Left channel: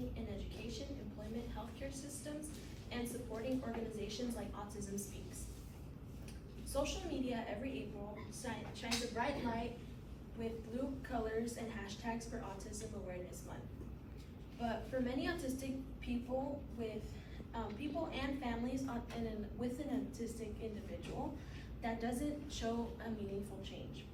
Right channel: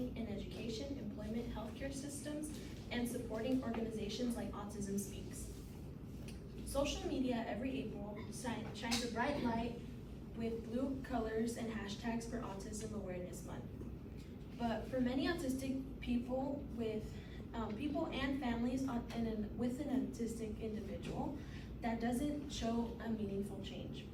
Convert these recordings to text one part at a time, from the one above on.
investing in education, employment, healthcare systems, and supporting organizations like Autism Speaks. Social media every April shines a bright light with blue colors and hashtags for Autism Awareness Month. But for many autistic people people and families with an autistic individual, that doesn't show a meaningful change.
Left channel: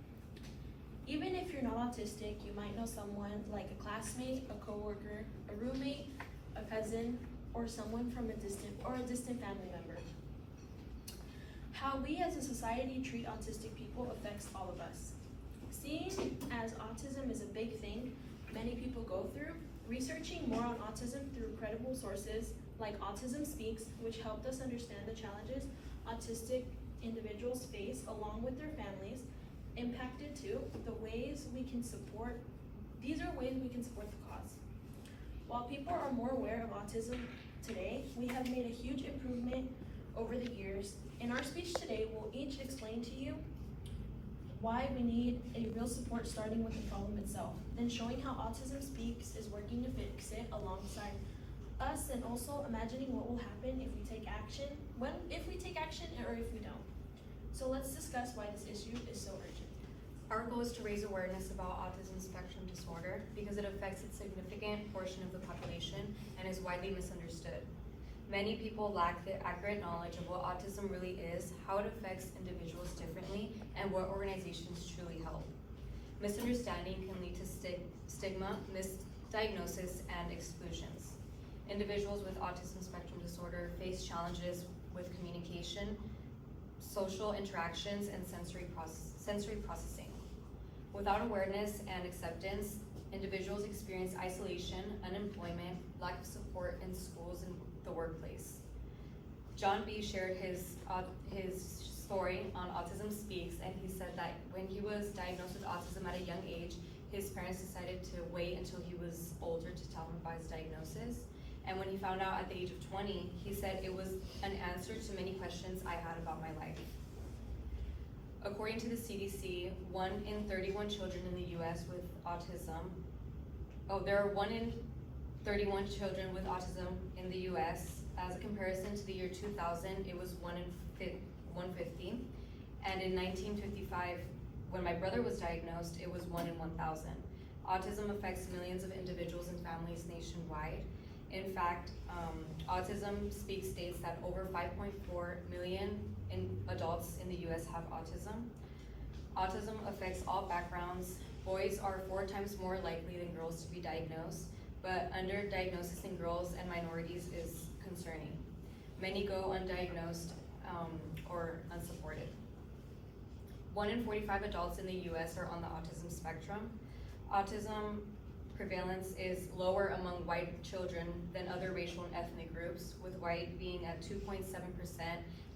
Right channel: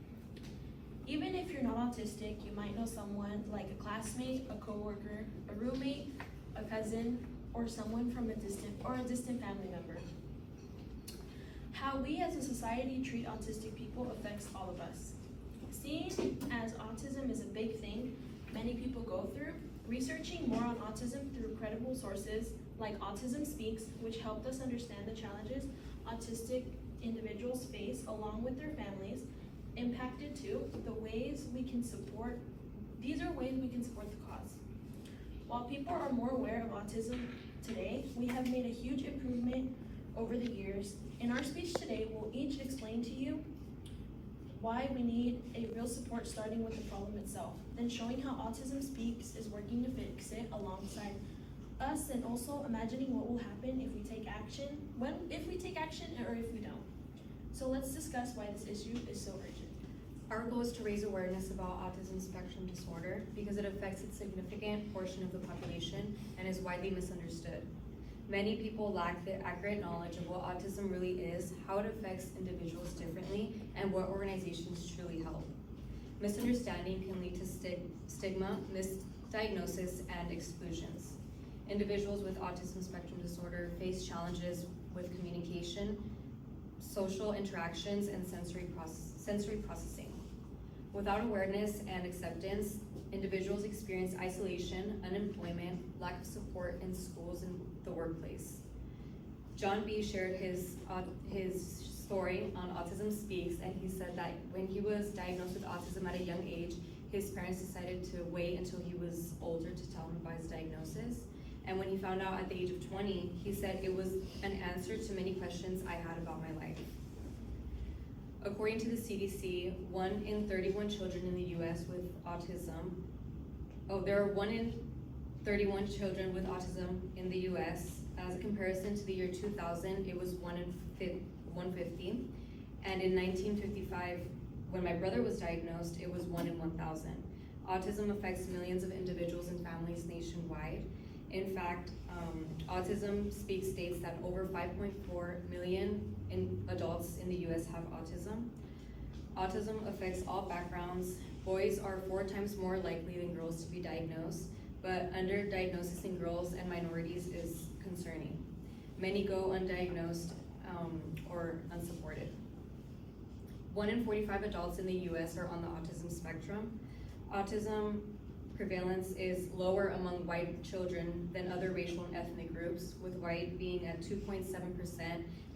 Even if you're not autistic, you might know someone like a classmate, a coworker, a roommate, a cousin, or someone from a distant family member. How we as a society treat autistic people affects all of us. Seeing as autism is a big thing many people go through, researching more on autism through credible sources like Autism Speaks, which helped us understand the challenges autistic individuals face along with their families, impacted too the ways we can support. These are ways we can support the cause. While people are more aware of autism today, we have made a huge improvement over the years. In our speech today, we'll each explain to you why we need a real support, starting with the problem itself, and showing how Autism Speaks is working to fix it alongside us, and also imagining what will happen if we take action, or if we don't. So let's discuss why this issue is so urgent. Our goal is to raise awareness about autism spectrum disorder because it affects a significant portion of the population and is widely misunderstood. Many people lack the accurate knowledge of what autism really is, how it affects individuals differently, and what organizations truly help. Misunderstanding can lead to stigma, misdiagnosis, and exclusions. Individuals with autism spectrum disorder face challenges with communication, social interactions, and sensory processing. Without awareness and acceptance, individuals experience isolation, unemployment, lack of support in schools and the workplace. John B. shared his story on Autism Speaks, and he said that when he was diagnosed with autism at a young age, his parents decided to wait until he was older to tell him about his diagnosis. And when he found out at the age of 20, he said it was an answer to many questions I had about my life. According to the CDC, 1 in 31 children in the U.S. with autism, there are 1 in 31 children with autism in the U.S. As a comparison to the year 2000, it was 1 in 150. And in 1955, when my brother was diagnosed, it was 1 in 1,000. Autism affects millions of individuals and families nationwide. In fact, Autism Speaks states that over 5.4 million adults in the U.S. have autism. Autism affects all backgrounds. Boys are 4 times more likely than girls to be diagnosed, but underdiagnosis in girls and minorities is concerning. Many go undiagnosed or unsupported. 1 in 45 adults in the U.S. are on the autism spectrum. Autism prevalence is lower among white children than other racial and ethnic groups, with white being at 2.7%,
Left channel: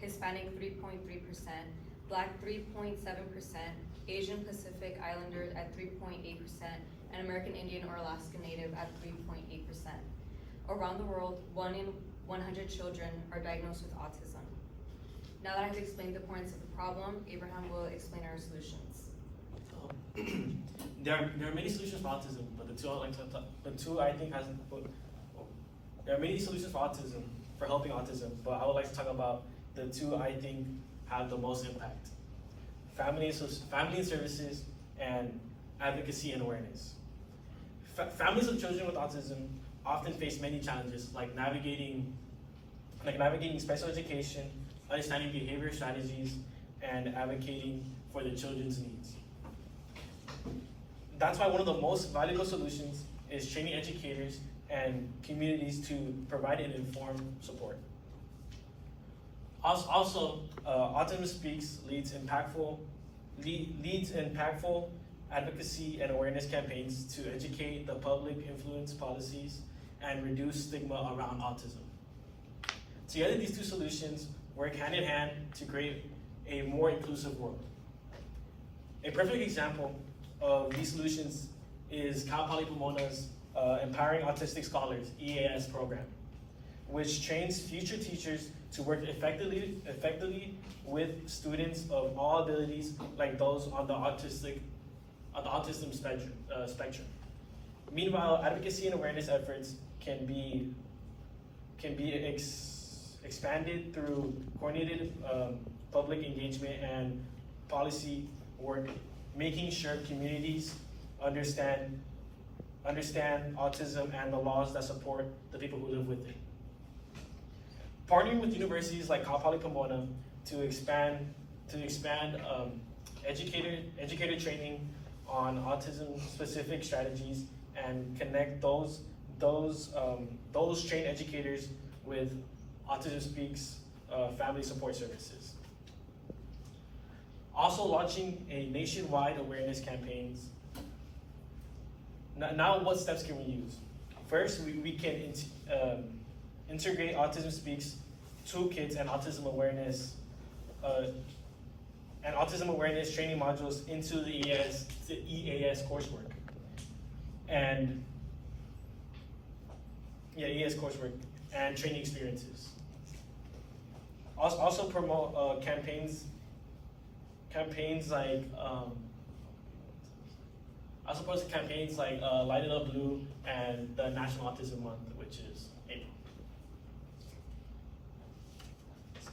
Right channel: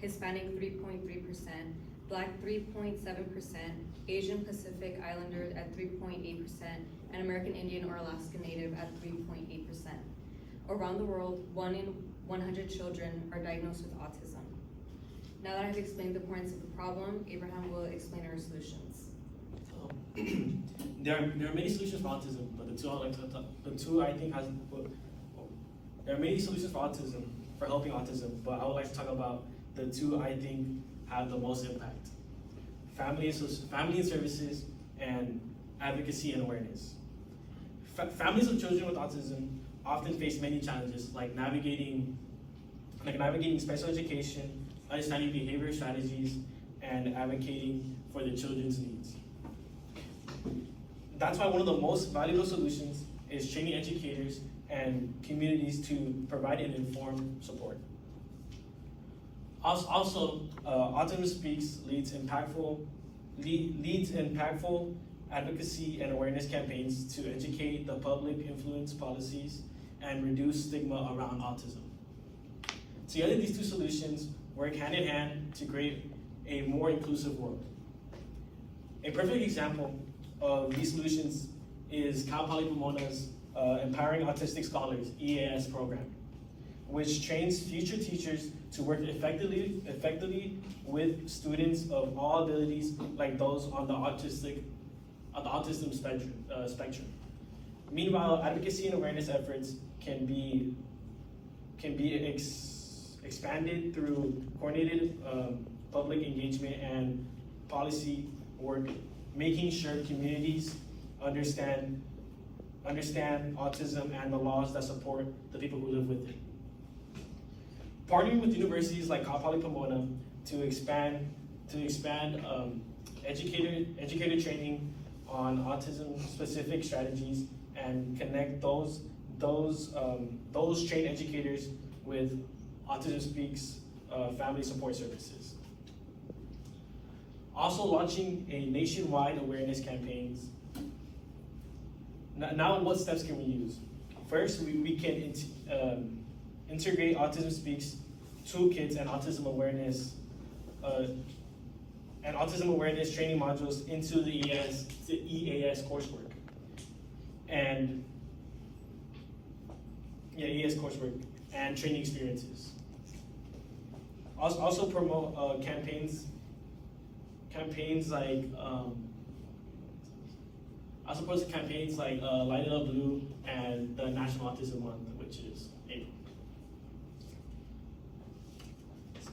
Hispanic 3.3%, Black 3.7%, Asian Pacific Islander at 3.8%, and American Indian or Alaskan Native at 3.8%. Around the world, 1 in 100 children are diagnosed with autism. Now that I've explained the points of the problem, Abraham will explain our solutions. There are many solutions for autism, but there are many solutions for helping autism, but I would like to talk about the 2 I think have the most impact: family services and advocacy and awareness. Families of children with autism often face many challenges, like navigating special education, understanding behavior strategies, and advocating for their children's needs. That's why one of the most valuable solutions is training educators and communities to provide an informed support. Also, Autism Speaks leads impactful advocacy and awareness campaigns to educate the public, influence policies, and reduce stigma around autism. Together, these 2 solutions work hand in hand to create a more inclusive world. A perfect example of these solutions is Cal Poly Pomona's Empowering Autistic Scholars EAS program, which trains future teachers to work effectively with students of all abilities, like those on the autism spectrum. Meanwhile, advocacy and awareness efforts can be expanded through coordinated public engagement and policy work, making sure communities understand autism and the laws that support the people who live with it. Partnering with universities like Cal Poly Pomona to expand educator training on autism-specific strategies and connect those trained educators with Autism Speaks family support services. Also launching a nationwide awareness campaigns. Now what steps can we use? First, we can integrate Autism Speaks toolkits and autism awareness training modules into the EAS coursework. And EAS coursework and training experiences. Also promote campaigns like Light It Up Blue and the National Autism Month, which is April.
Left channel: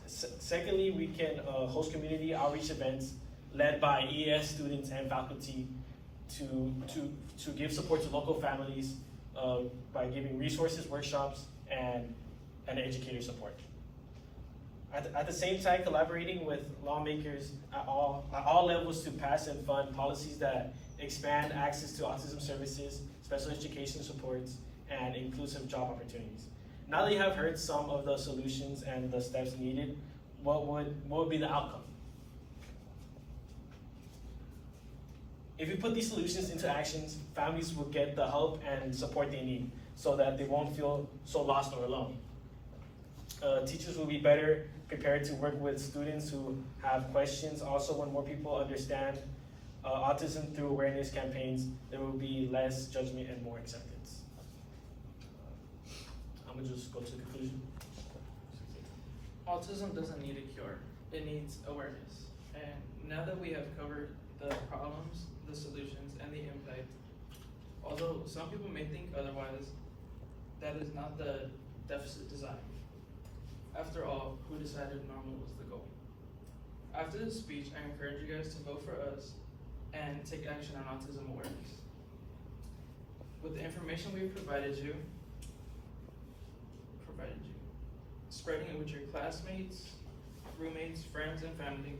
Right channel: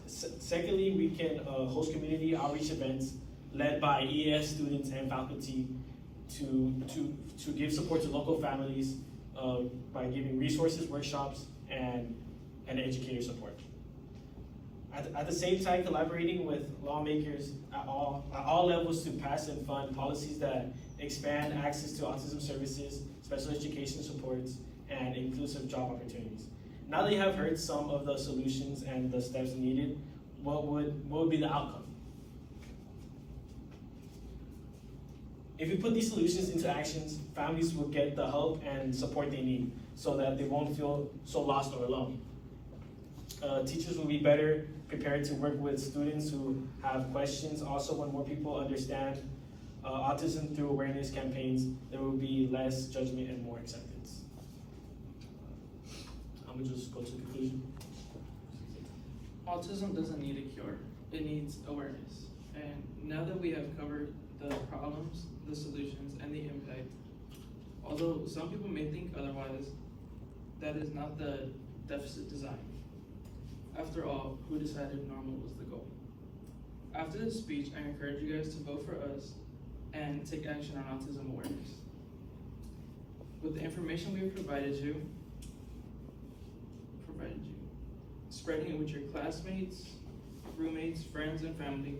Secondly, we can host community outreach events led by EAS students and faculty to give support to local families by giving resources, workshops, and educator support. At the same time, collaborating with lawmakers at all levels to pass and fund policies that expand access to autism services, special education supports, and inclusive job opportunities. Now that you have heard some of the solutions and the steps needed, what would be the outcome? If you put these solutions into actions, families will get the help and support they need so that they won't feel so lost or alone. Teachers will be better prepared to work with students who have questions. Also, when more people understand autism through awareness campaigns, there will be less judgment and more acceptance. I'm gonna just go to the conclusion. Autism doesn't need a cure, it needs awareness. And now that we have covered the problems, the solutions, and the impact, although some people may think otherwise, that is not the deficit design. After all, who decided normal was the goal? After this speech, I encourage you guys to vote for us and take action on autism awareness. With the information we provided you, spreading it with your classmates, roommates, friends, and family.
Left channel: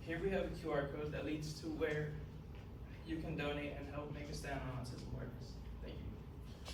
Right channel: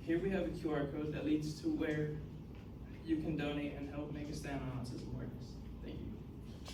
Here we have a QR code that leads to where you can donate and help make a stand on autism.